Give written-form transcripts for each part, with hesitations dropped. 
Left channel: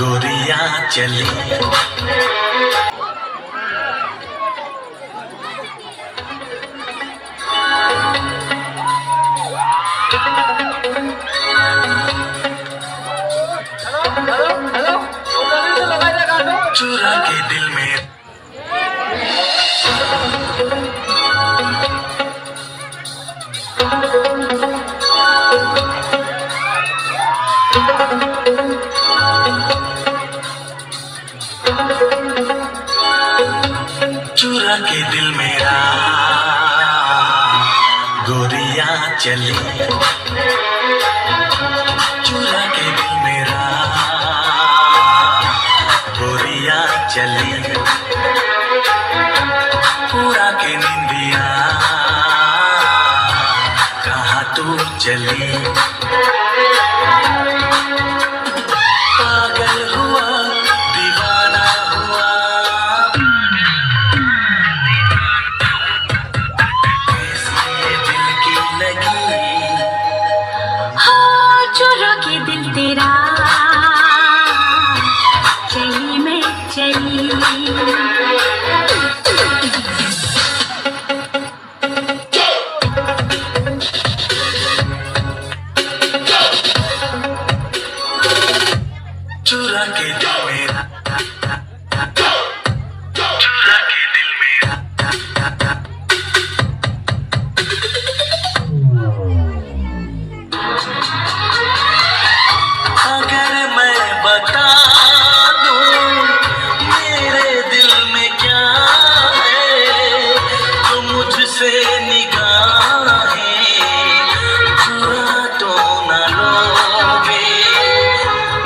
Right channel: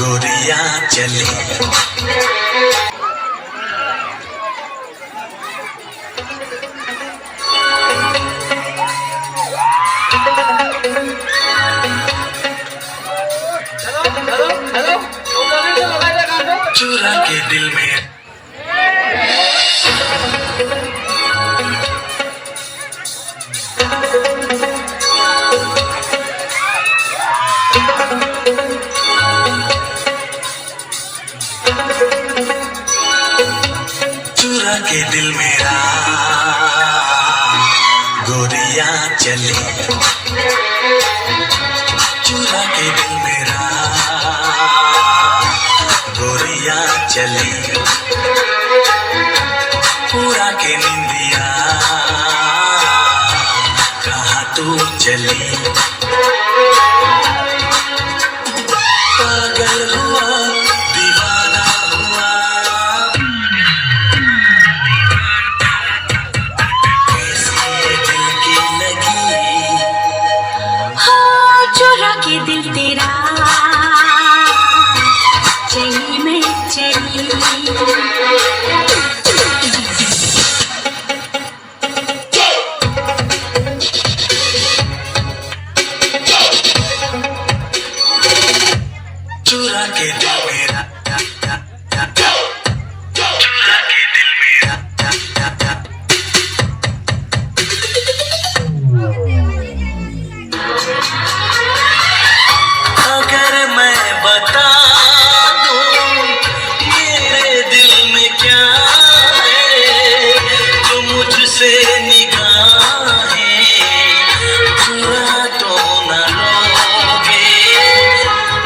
गोरिया चली। चुरा के दिल में चुरा के दिल मेरा गोरिया चली। चुरा के दिल मेरा गोरिया चली। पूरा के निंदिया कहाँ तू चली। पागल हुआ दीवाना हुआ कैसी ये दिल की लगी। हाँ चुरा के दिल तेरा चली मैं चली। चुरा के दिल मेरा चुरा के दिल मेरा। अगर मैं बता दूं मेरे दिल में क्या है तो मुझसे निगाहें चुरा तो न लोगे।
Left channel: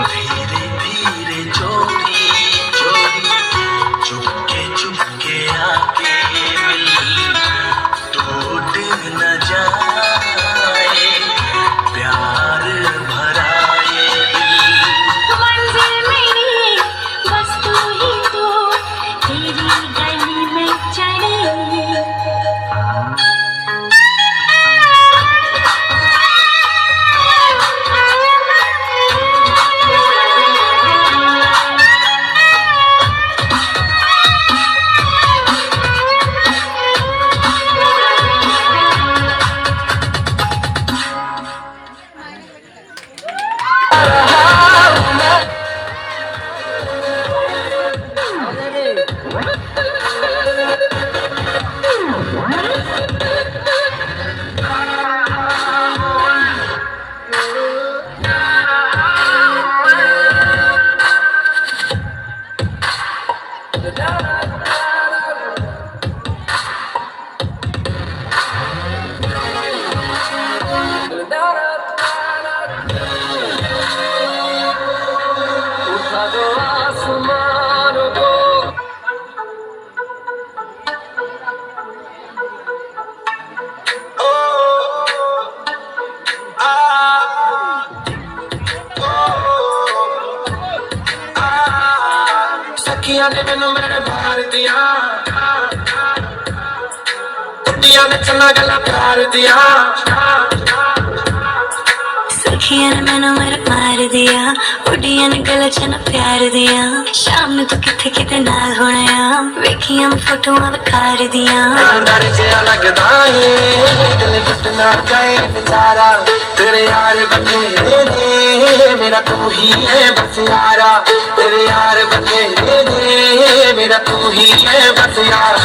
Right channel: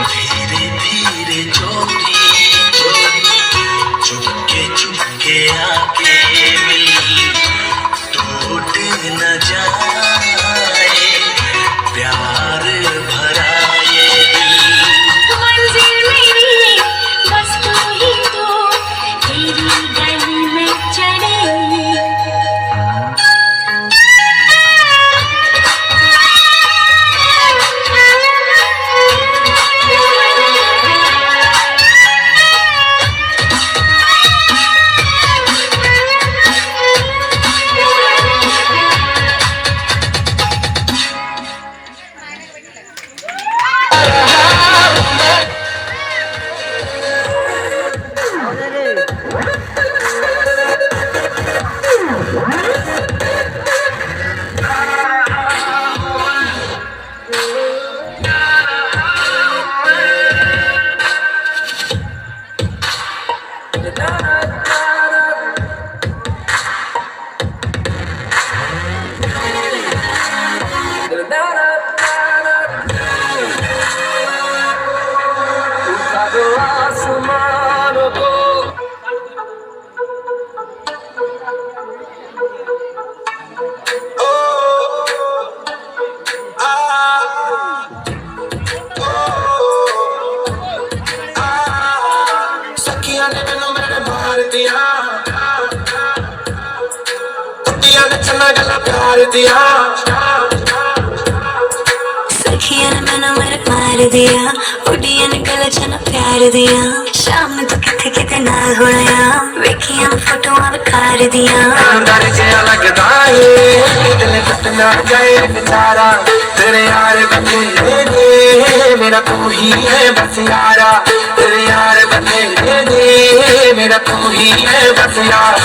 धीरे धीरे चोरी चोरी चुपके आके मिल टूट न जाए प्यार भरा ये दिल। मंजिल मेरी बस तू ही तो तेरी गली में चढ़ी। सखियां ने मैनू मेरे मार दिया कुड़ियां ने चन्ना गला प्यार दिया। सखिया ने मैनू मेरे मार दिया उड़िया ने गला चना प्यार दिया। शाम ने तू किथे किथे नाल होया वेखियां फोटोआं विखार दिया। डर जिहा लगदा है दिल टुट ना जाए बेचारा तेरे यार बतेरे ने मेरा तू ही है बस यारा। तेरे यार बतेरे ने मेरा तू ही है बस यार।